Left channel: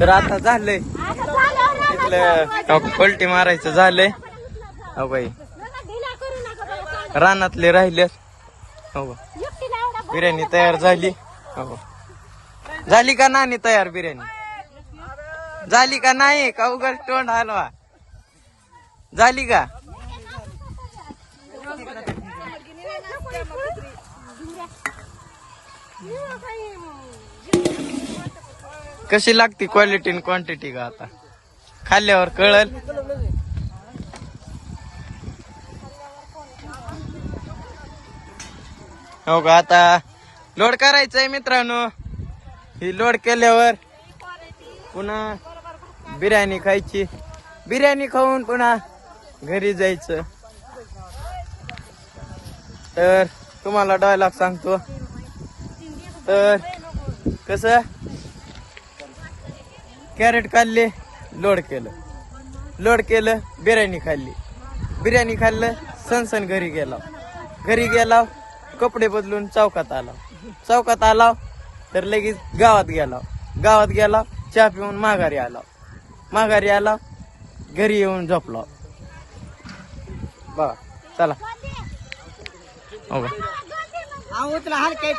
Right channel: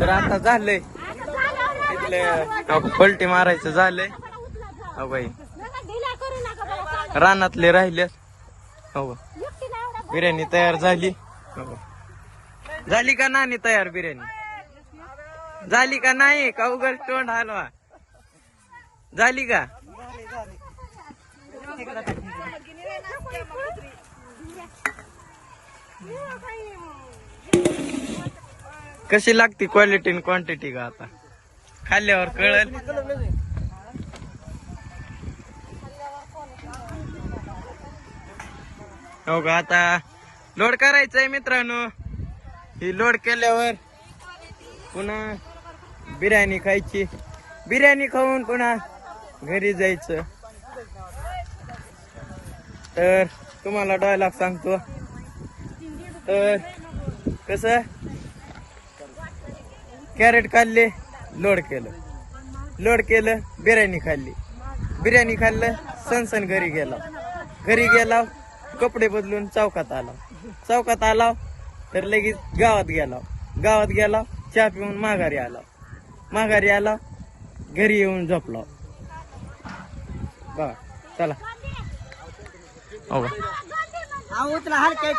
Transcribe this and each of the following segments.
तर आता झालंय इथलं पलटी मारायचं झालंय. हो बाई रानातले राहिले. हो बिर्याणी तयार झाली. हो झाली का नाही तयार बिर्याणी? झाली का नाही का उगाच तोंड हलवा? झाली का? कशी लागती क्वालिटी आणि क्वांटिटी का आता खाल्ल्यावर कळल. हो का आता लोड करायचंय मित्रांनो. ही लोड केल्यावर पुन्हा बिर्याणी खायची. बिर्याणी खाऊन पुन्हा घरी जायचं. तर तुम्हाला डायलॉग सांगतो. तर कसं कॅरेट खाल्ले लोड केलं बिर्याणी खाल्ली. बिर्याणी खाल्लं सणसण घरी गेला कपडे बदलून चौकात आला तर लगेच गावात गेला चहा पिऊन माघारी आला घरी येऊन झोपलो. बघा चला. हो उचला हलके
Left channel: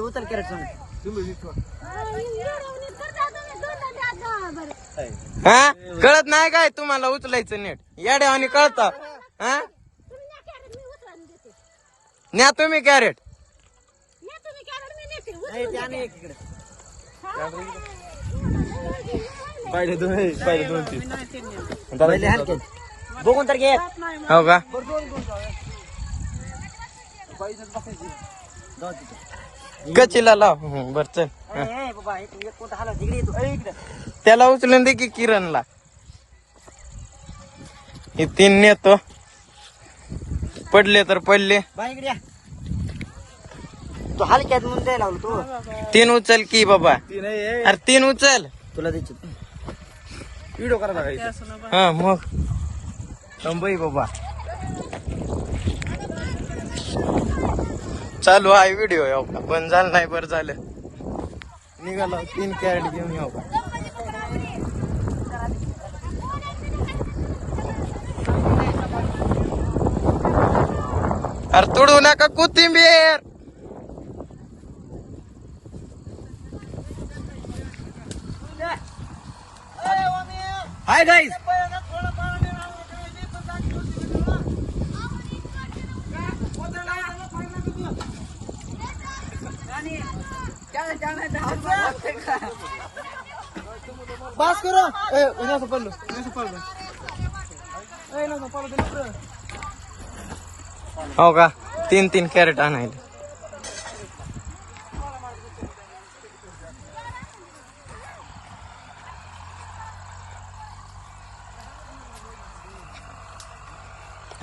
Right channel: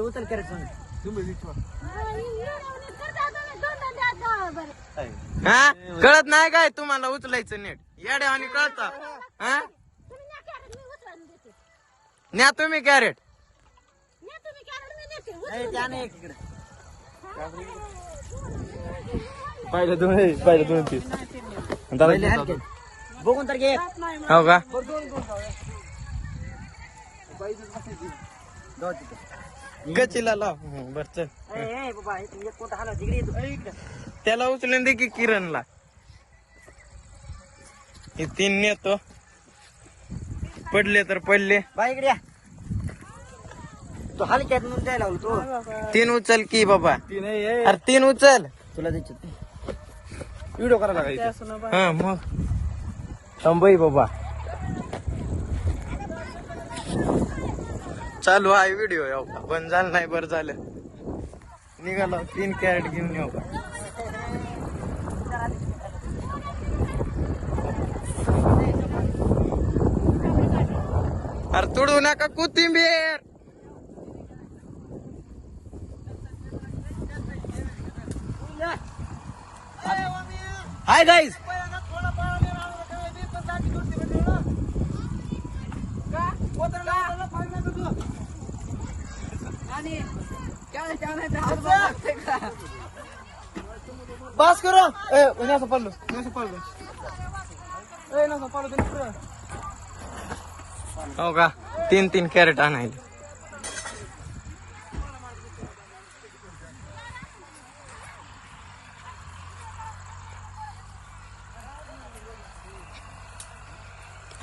उचल करत हा कळत नाही काय तुम्हाला उचलायचं नीट याड्यावानी कळत. हा न्या तुम्ही कॅरेट. पहिले दोन बघून तर घे. हो का गचीला लाव. बर चल त्याला उचलून दे की किरणला. हे 3 नेतो पडले तर पडले. तू हलक्यात म्हणून द्यायला लागलो तो. 3 उचल की बाबा. अरे 3 उचल. तुला द्यायची व्हिडिओ करायला लागायची. हा मग थांबई बाबा चालू आहे व्हिडिओ. येऊ का बंद झालं नाही. बरं झालं निघाला 3 कॅरेट घेऊन येऊ का. अरे तोडू नका कोथिंबीर. हाय गाईज बस करो. हो का 3 कॅरेट आणायला.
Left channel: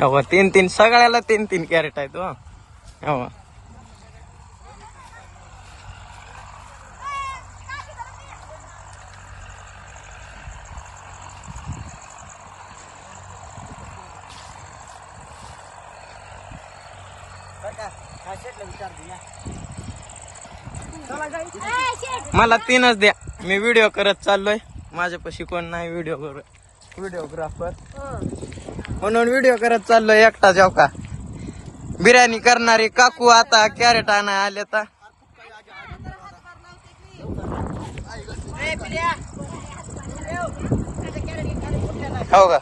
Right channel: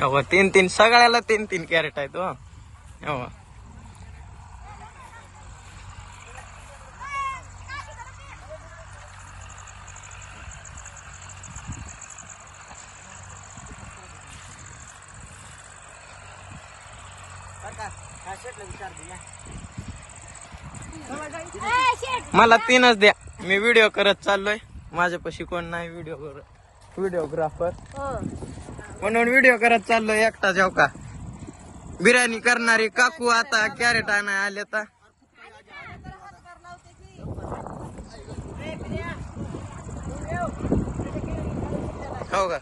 हो 3 सगळ्याला 3 कॅरेट आहेत. हो मला 3च द्या. मी व्हिडिओ करत चाललोय. माझ्यापाशी कोण नाही व्हिडिओग्राफर म्हणून व्हिडिओ करत चाललोय एकटा. जाऊ का बिर्याणी करणारी काकू आता कॅरेट आणाय आले. तर हो का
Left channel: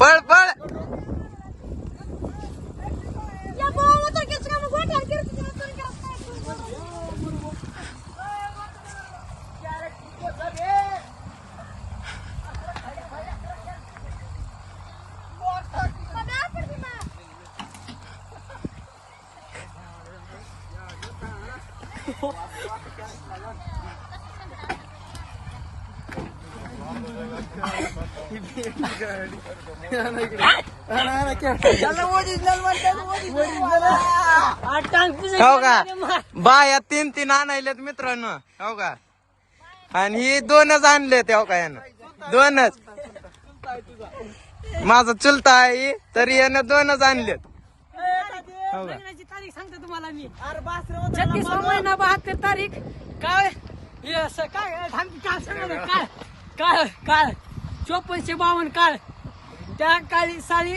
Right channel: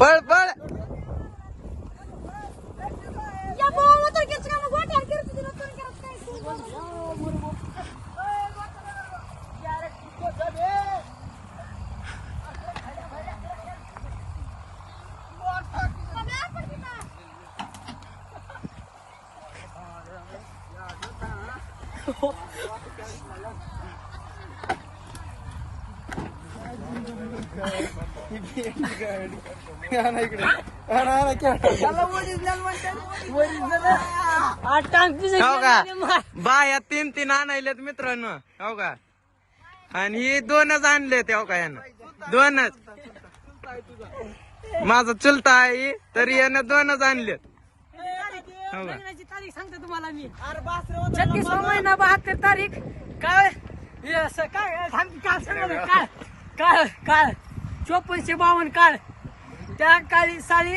पळ पळ. हो का बाया 3 आणायलेत मित्रांनो. हो का आणि ही 2च आणलेत. हो का यानं 2च. माझा चुलता आहे तरी यानं 2च आणलेत. हो का? लग्नाची तारीख सांगतो तुम्हाला मी. 36वा महिना 72 तारीख. काय काय काळ 5452 काळ. त्या काळी साली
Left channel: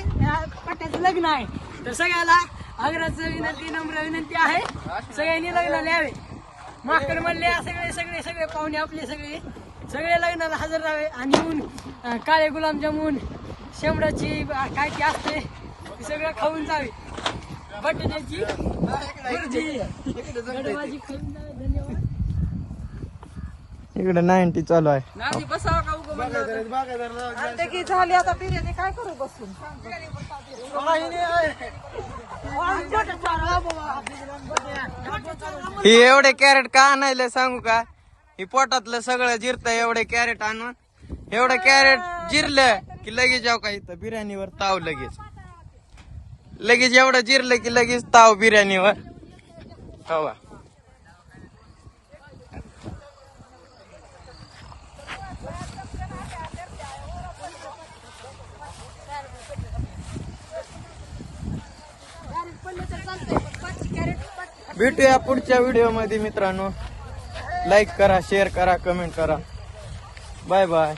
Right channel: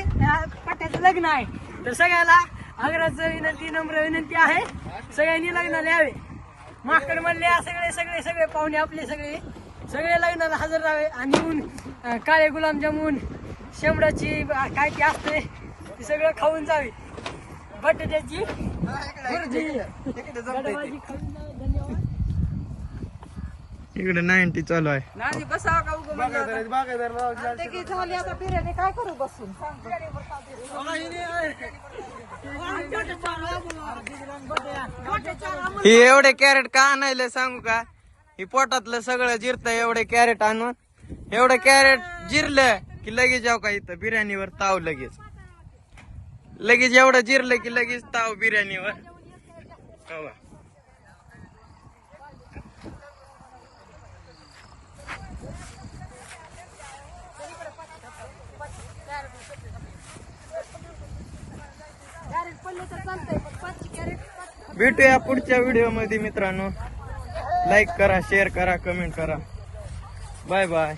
पट्ट्याचं लग्न आहे. तर सगळ्याला आग्रहाचं विनंती, नम्र विनंती आहे, सगळ्यांनी लग्नाला यावे. माकड म्हणले सगळे सगळे सगळे पाहुणे आपले सगळे लग्नाला हजर राहावे आणि येऊन काळे गुलाबजामुन, शेंबडाची काय ती असते ती सगळं खाऊन जावे. बटाट्याची गडवाजी खाऊन जावे. धन्यवाद. इकडे 90 चालू आहे. नाही बसावं का उगं म्हणलं की झाली आता बिर्याणी काय करू बसून. ही एवढे कॅरेट का आणायला सांगू का? ही पोटातलं सगळं जिरतं एवढे कॅरेट आणून. एवढं कॅरेट जिरलं की लगेच जाऊ का इथं बिर्याणीवर ताव. लगेच एवढं जिरलं की लगेच ताव बिर्याणीवर. हो का? भेटूया पुढच्या व्हिडिओ मध्ये मित्रांनो. लाईक करा, शेअर करा, कमेंट करा. Bye bye.